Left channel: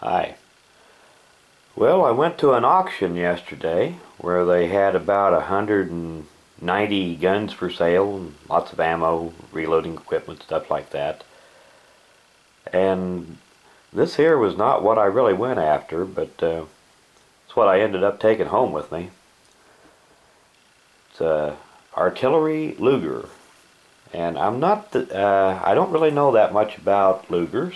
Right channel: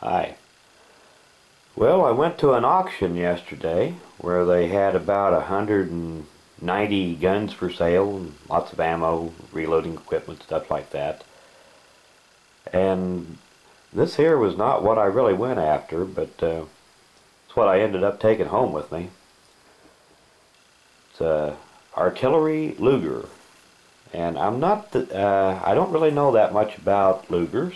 Hi. Well, I went to an auction yesterday where they had about 190 guns for sale and lots of ammo, reloading equipment, stuff like that. And this here was not what I really went after, but it's what I ended up taking home with me. It's a artillery Luger, and I don't really know that much about Lugers.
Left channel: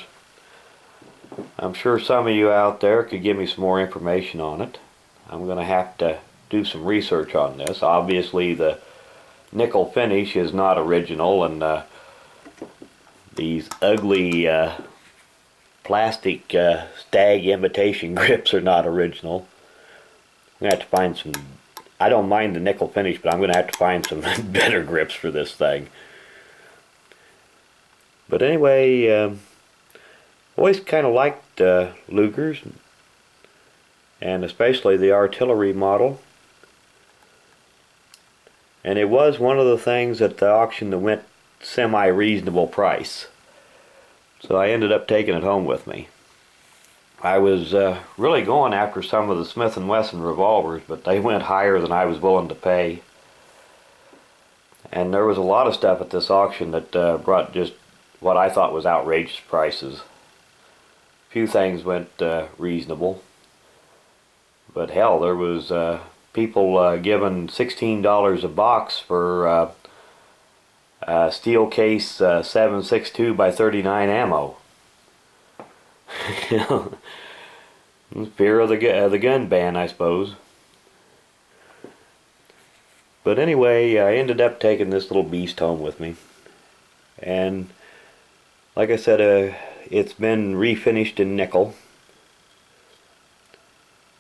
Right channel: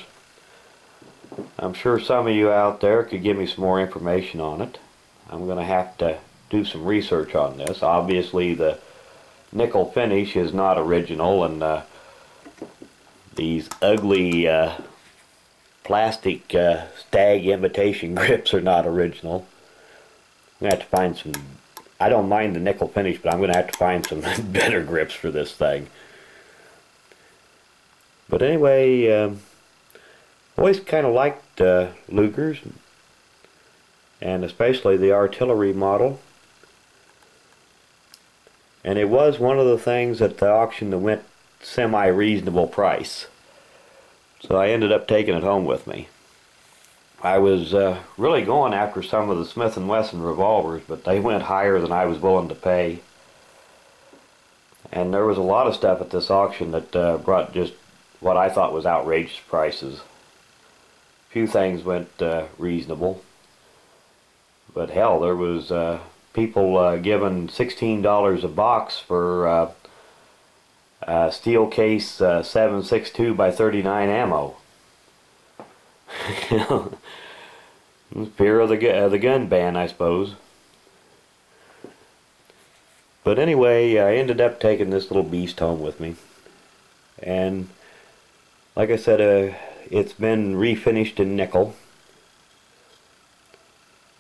I'm sure some of you out there could give me some more information on it. I'm going to have to do some research on this. Obviously the nickel finish is not original, and these ugly plastic stag imitation grips are not original. I'm going to have to find some. I don't mind the nickel finish, but I'm going to have to find some better grips for this thing. But anyway, always kind of liked Lugers, and especially the artillery model. And it was one of the things at the auction that went semi-reasonable price. So I ended up taking it home with me. I was really going after some of the Smith & Wesson revolvers, but they went higher than I was willing to pay. And there was a lot of stuff at this auction that brought just what I thought was outrageous prices. Few things went reasonable, but hell, there was people giving $16 a box for steel case 7.62 by 39 ammo. Fear of the gun ban, I suppose. But anyway, I ended up taking this little beast home with me, and like I said, it's been refinished in nickel.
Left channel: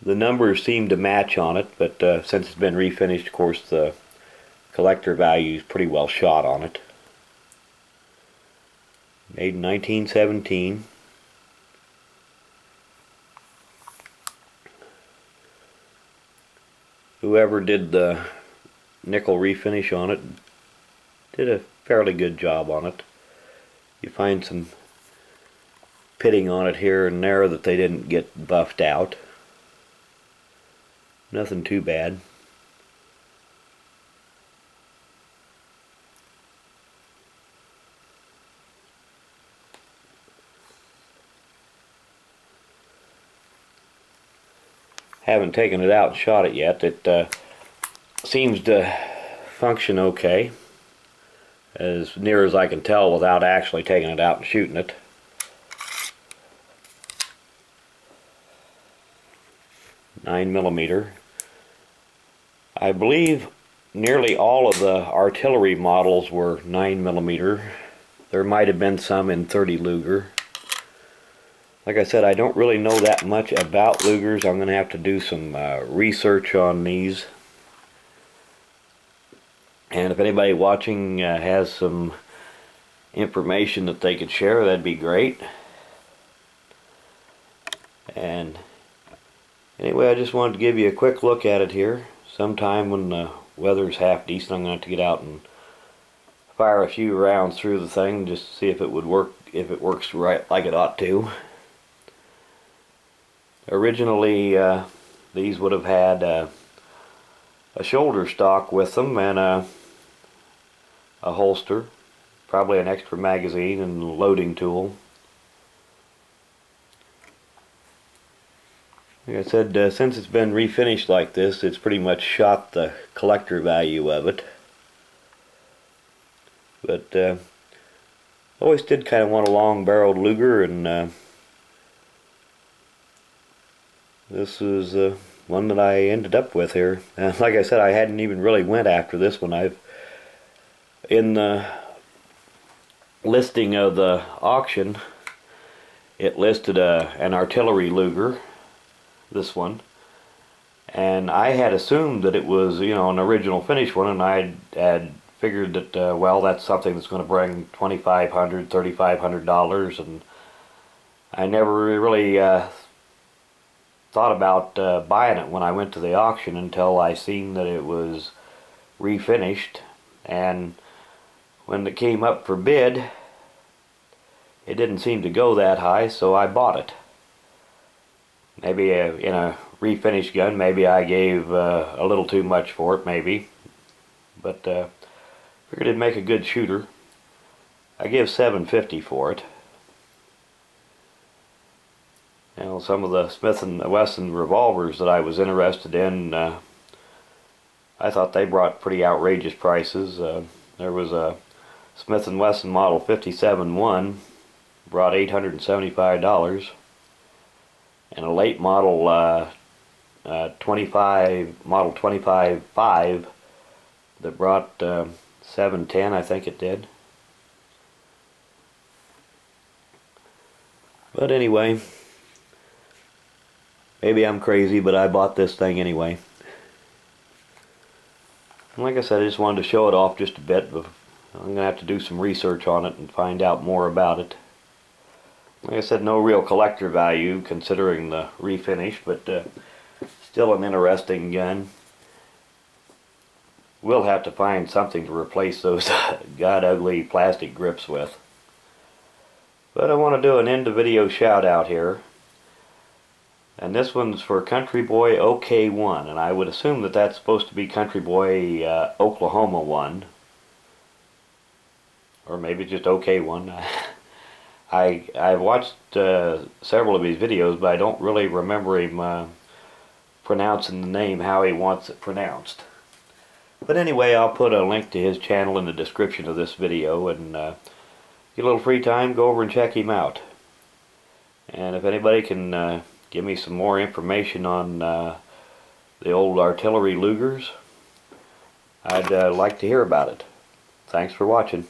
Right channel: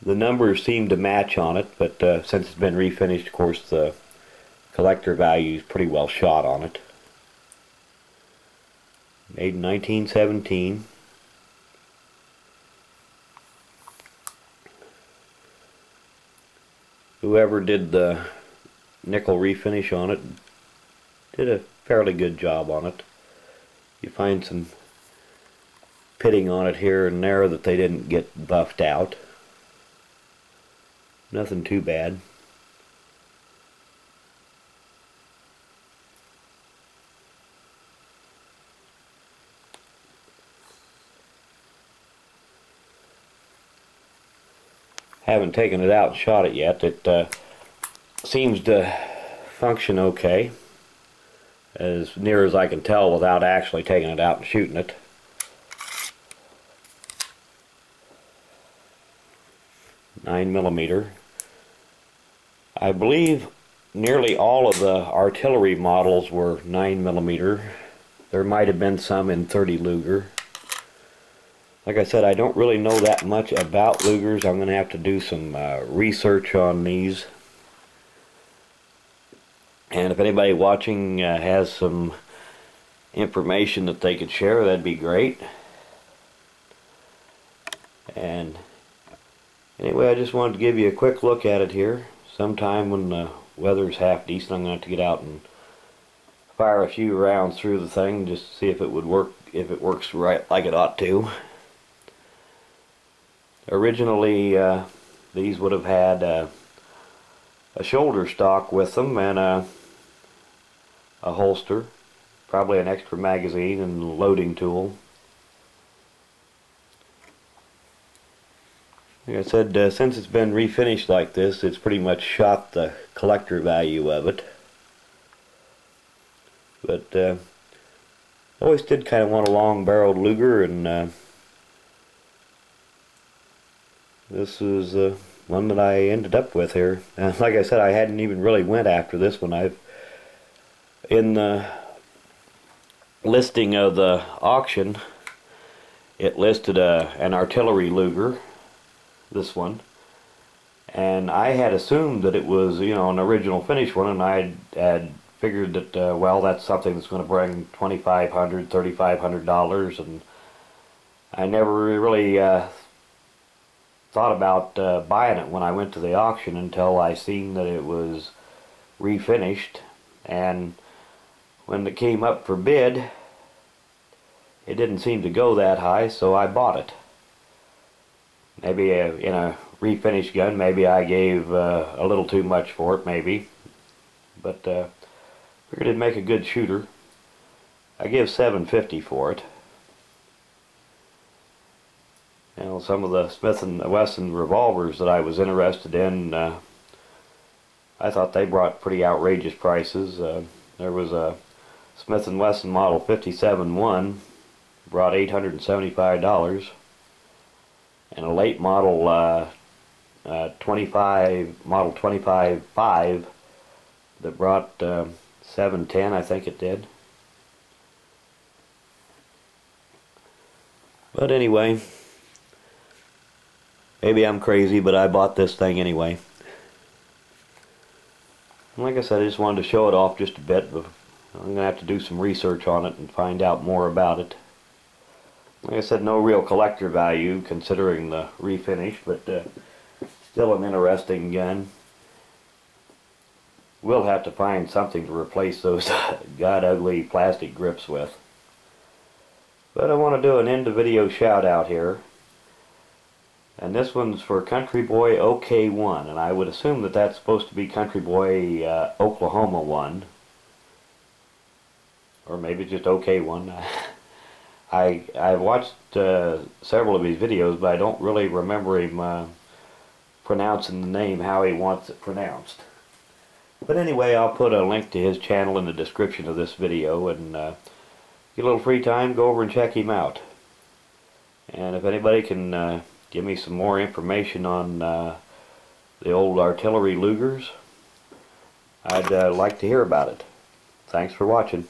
The numbers seem to match on it, but since it's been refinished, of course, the collector value is pretty well shot on it. Made in 1917. Whoever did the nickel refinish on it did a fairly good job on it. You find some pitting on it here and there that they didn't get buffed out. Nothing too bad. Haven't taken it out and shot it yet. It seems to function okay, as near as I can tell without actually taking it out and shooting it. .9mm. I believe nearly all of the artillery models were 9mm. There might have been some in 30 Luger. Like I said, I don't really know that much about Lugers. I'm going to have to do some research on these. And if anybody watching has some information that they could share, that'd be great. And anyway, I just wanted to give you a quick look at it here. Sometime when the weather's half decent, I'm going to have to get out and fire a few rounds through the thing just to see if it would work, if it works right like it ought to. Originally, these would have had a shoulder stock with them and a holster, probably an extra magazine and a loading tool. Like I said, since it's been refinished like this, it's pretty much shot the collector value of it. But always did kind of want a long-barreled Luger, and this is one that I ended up with here. Like I said, I hadn't even really went after this one. In the listing of the auction, it listed an artillery Luger, this one, and I had assumed that it was, you know, an original finish one, and I had figured that well, that's something that's going to bring $2,500, $3,500, and I never really thought about buying it when I went to the auction until I seen that it was refinished. And when it came up for bid, it didn't seem to go that high, so I bought it. maybe in a refinish gun, maybe I gave a little too much for it, maybe. But figured it'd make a good shooter. I give $7.50 for it. You know, some of the Smith & Wesson revolvers that I was interested in, I thought they brought pretty outrageous prices. There was a Smith & Wesson model 57-1, brought $875, and a late model 25-5 that brought $710, I think it did. But anyway, maybe I'm crazy, but I bought this thing anyway. And like I said, I just wanted to show it off just a bit. I'm going to have to do some research on it and find out more about it. Like I said, no real collector value considering the refinish, but still an interesting gun. We'll have to find something to replace those god ugly plastic grips with. But I want to do an end of video shout out here. And this one's for Country Boy OK1, and I would assume that that's supposed to be Country Boy Oklahoma 1. Or maybe just OK1. I've watched several of his videos, but I don't really remember him pronouncing the name how he wants it pronounced. But anyway, I'll put a link to his channel in the description of this video, and get a little free time, go over and check him out. And if anybody can give me some more information on the old artillery Lugers, I'd like to hear about it. Thanks for watching.